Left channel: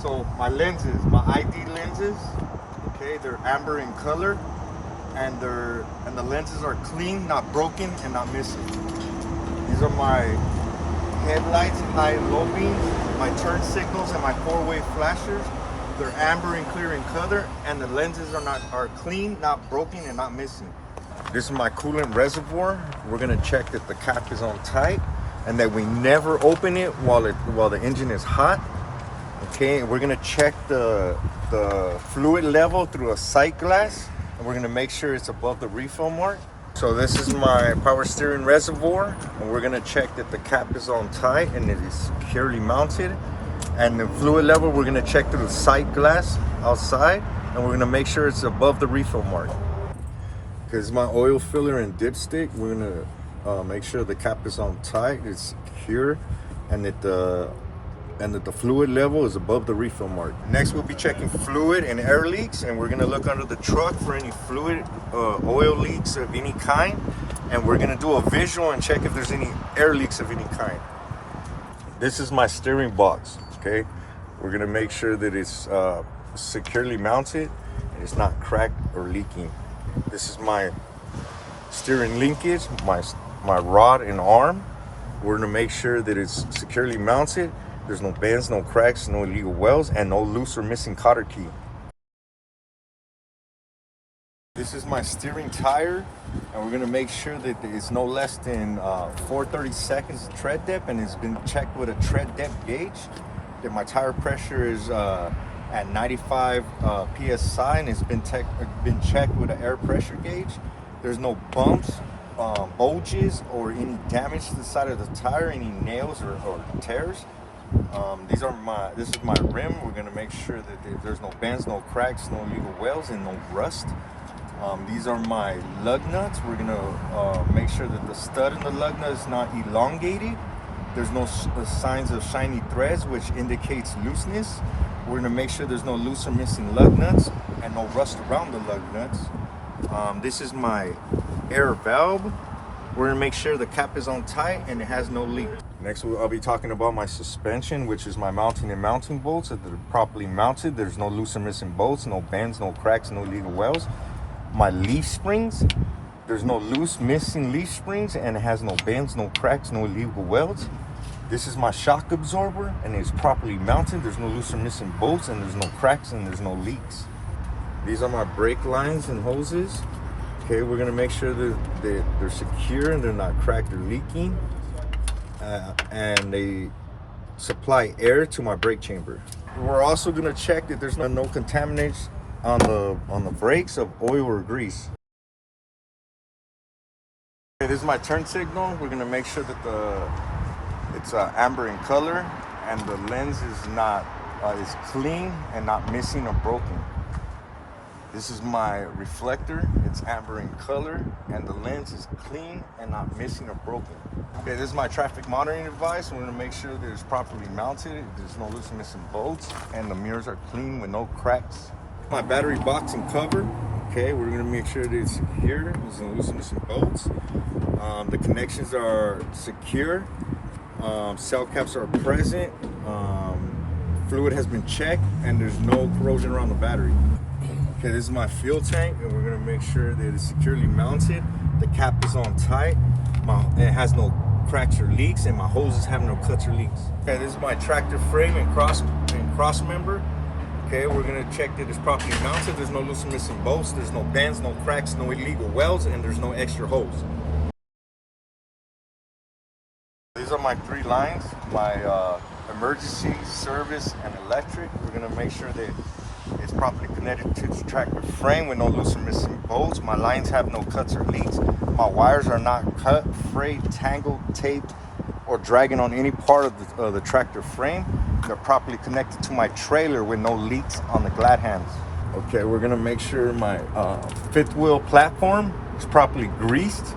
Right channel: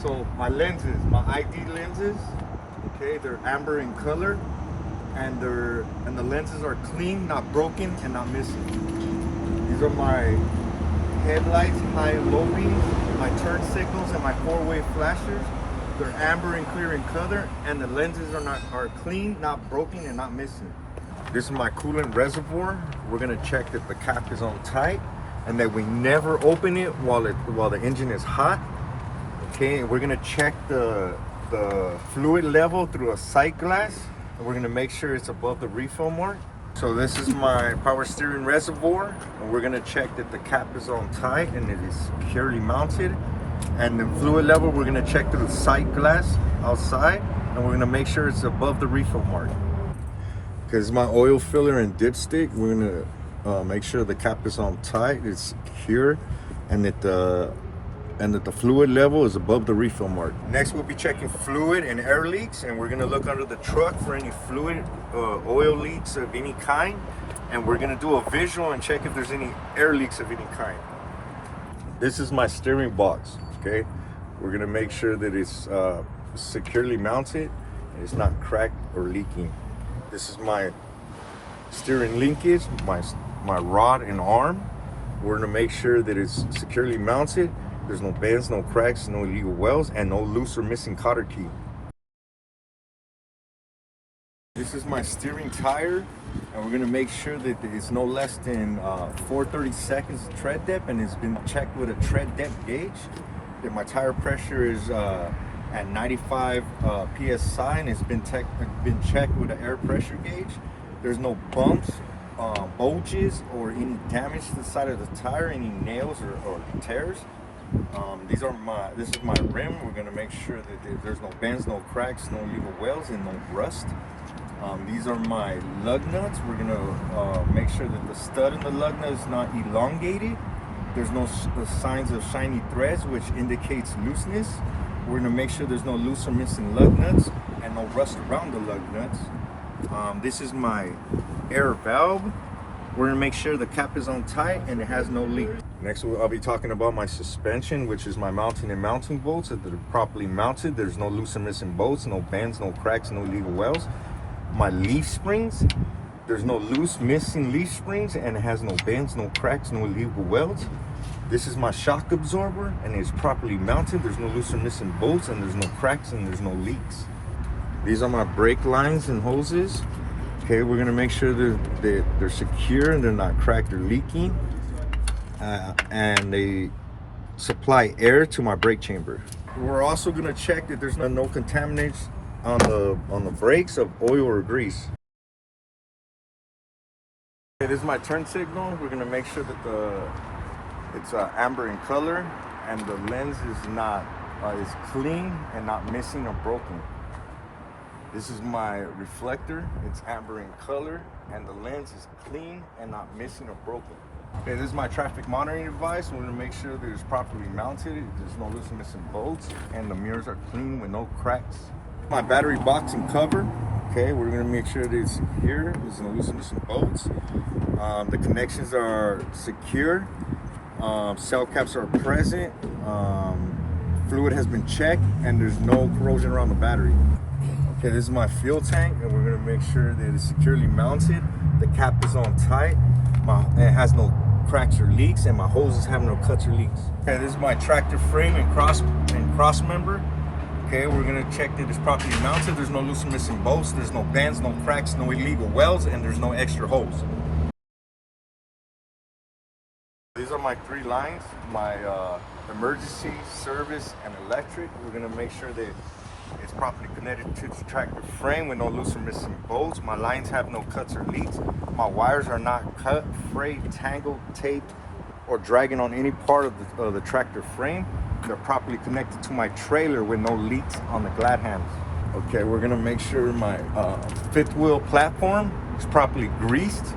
So my lenses, my ID lenses, okay, they're amber in color, and the lenses are clean, not broken, and not missing. These are my headlights, high and low beams, my turn signals, and my four-way flashers. They're amber and clear in color, and the lenses are clean, not broken, and not missing. This is my coolant reservoir. We're gonna check that the cap is on tight, and that we never open it while the engine is hot. Okay, we're gonna check the fluid level through a sight glass, and we're gonna make sure it's above the refill mark. So this is my power steering reservoir, and we're gonna check that the cap is on tight and it is securely mounted. And the fluid level, we're gonna check through the sight glass outside, and we're gonna make sure it's above the refill mark. Because my oil filler and dipstick, we're gonna make sure the cap is on tight, it's secure, and that the fluid level is above the refill mark. Next, we'll be checking fluid and air leaks, and we're gonna look under the truck for any fluid, oil leaks of any kind, and we're gonna do a visual and check if there's any air leaks of any kind. This is my steering box, okay? We're gonna make sure that it's securely mounted and it's not cracked or leaking. This is my steering linkage, my rod and arm. We're gonna make sure that it's securely mounted. There's no bends, no cracks, no illegal welds, and no loose or missing cotter key. This is my steering tire, and we're gonna make sure that it's no less than 4/30 seconds tread depth, and it's been checked with a tread depth gauge. That my tire pressure is at 95 psi, and it's been checked with an air pressure gauge. There's no bumps, bulges, or any damage to the side of the tire, any nails or tears. This is my rim. We're gonna make sure that there's no bends, no cracks, no illegal welds, and no rust. These are my lug nuts. We're gonna make sure that the stud in the lug nut is not elongated. There's no signs of shiny threads, which indicates looseness. We're gonna make sure there's no loose or missing lug nuts and no rust around the lug nuts. This is my air valve. We're gonna make sure the cap is on tight and it has no leak. Next, I'll be talking about my suspension, which is my mounting and mounting bolts. That they're properly mounted. There's no loose or missing bolts, no bends, no cracks, no illegal welds. My leaf springs, there's no loose, missing leaf springs, and it has no bends, no cracks, no illegal welds. This is my shock absorber, and it's properly mounted. There's no loose or missing bolts, and there's no cracks, and there's no leaks. These are my brake lines and hoses. Okay, we're gonna make sure that they're secure and they're not cracked or leaking, and they supply air to my brake chamber. We're also gonna check that there's no contaminants on the brakes of oil or grease. Okay, this is my turn signal. We're gonna make sure that it's amber in color, and the lens is clean and not missing or broken. This is my reflector. It's amber in color, and the lens is clean and not missing or broken. Okay, this is my traffic monitoring device. We're gonna make sure that it's properly mounted. There's no loose and missing bolts, and the mirrors are clean with no cracks. My battery box and cover. Okay, we're gonna make sure that it's secure. There's no loose and missing bolts. The connections are secure. Cell caps are present. Fluid has been checked, and there's no corrosion around the battery. Okay, this is my fuel tank, and we're gonna make sure that it's securely mounted. The cap is on tight. It has no cracks or leaks, and my hoses have no cuts or leaks. Okay, this is my tractor frame and cross member. Okay, we're gonna check that it's properly mounted. There's no loose or missing bolts. There's no bends, no cracks, no illegal welds, and there's no extra holes. These are my three lines, my emergency, service, and electric. We're gonna make sure that it's properly connected to the tractor frame with no loose or missing bolts. My lines have no cuts or leaks. My wires are not cut, frayed, tangled, taped, or dragging on any part of the tractor frame. They're properly connected to my trailer with no leaks on the glad hands. Okay, we're gonna make sure my fifth wheel platform is properly greased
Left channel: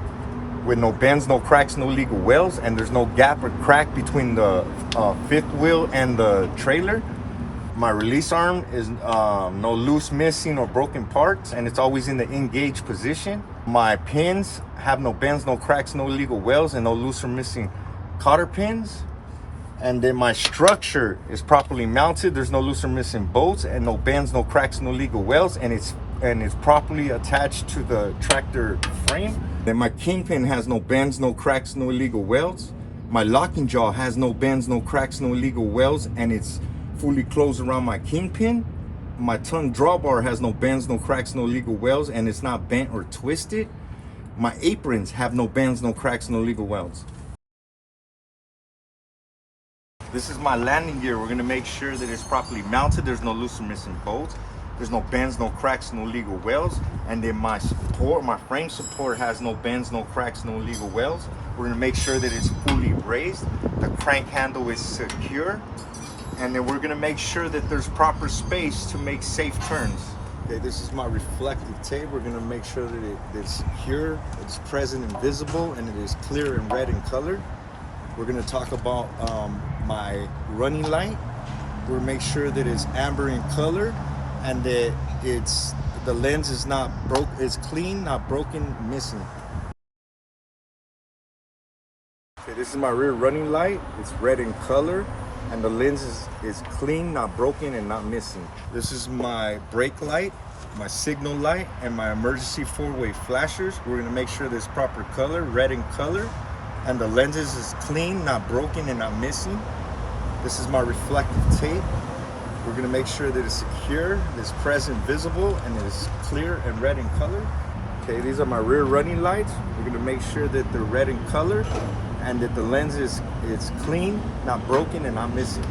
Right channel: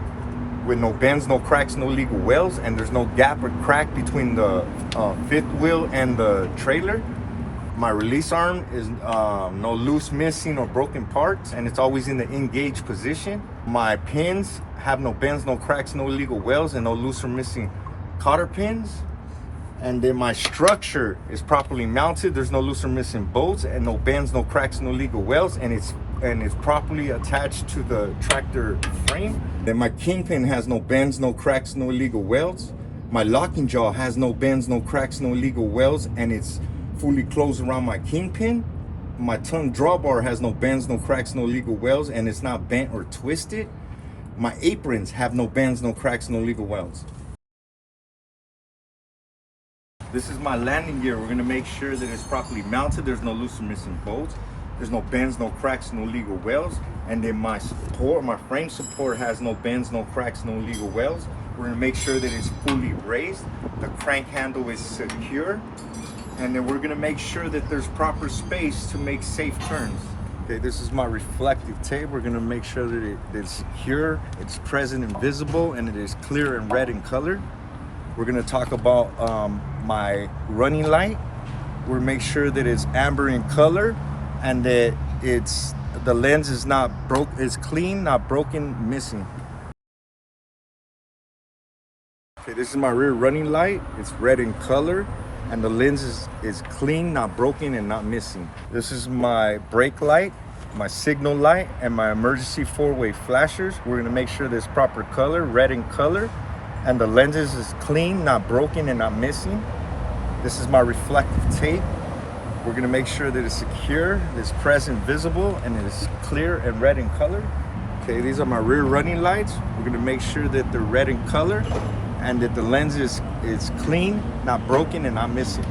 with no bends, no cracks, no legal welds, and there's no gap or crack between the fifth wheel and the trailer. My release arm is no loose, missing, or broken parts, and it's always in the engaged position. My pins have no bends, no cracks, no illegal welds, and no loose or missing cotter pins. And then my structure is properly mounted. There's no loose or missing bolts and no bends, no cracks, no legal welds, and it's properly attached to the tractor frame. Then my kingpin has no bends, no cracks, no illegal welds. My locking jaw has no bends, no cracks, no illegal welds, and it's fully closed around my kingpin. My tongue drawbar has no bends, no cracks, no legal welds, and it's not bent or twisted. My aprons have no bends, no cracks, no legal welds. This is my landing gear. We're gonna make sure that it's properly mounted. There's no loose or missing bolts. There's no bends, no cracks, no legal welds. And then my support, my frame support has no bends, no cracks, no legal welds. We're gonna make sure that it's fully raised. The crank handle is secure. And then we're gonna make sure that there's proper space to make safe turns. Okay, this is my reflective tape. We're gonna make sure that it is secure, it's present and visible, and it is clear and red in color. We're gonna talk about my running light. We'll make sure that it's amber in color and that the lens is not broke, it's clean, not broken, missing. Okay, this is my rear running light. It's red in color and the lens is clean, not broken, and not missing. This is my brake light, my signal light, and my emergency four-way flashers. We're gonna make sure there's proper color, red in color, and the lenses is clean, not broken, and not missing. This is my reflective tape. We're gonna make sure that it's secure, it's present, visible, and it's clear and red in color. Okay, these are my rear running lights. We're gonna make sure that they're red in color and that the lens is clean, not broken, and not missing.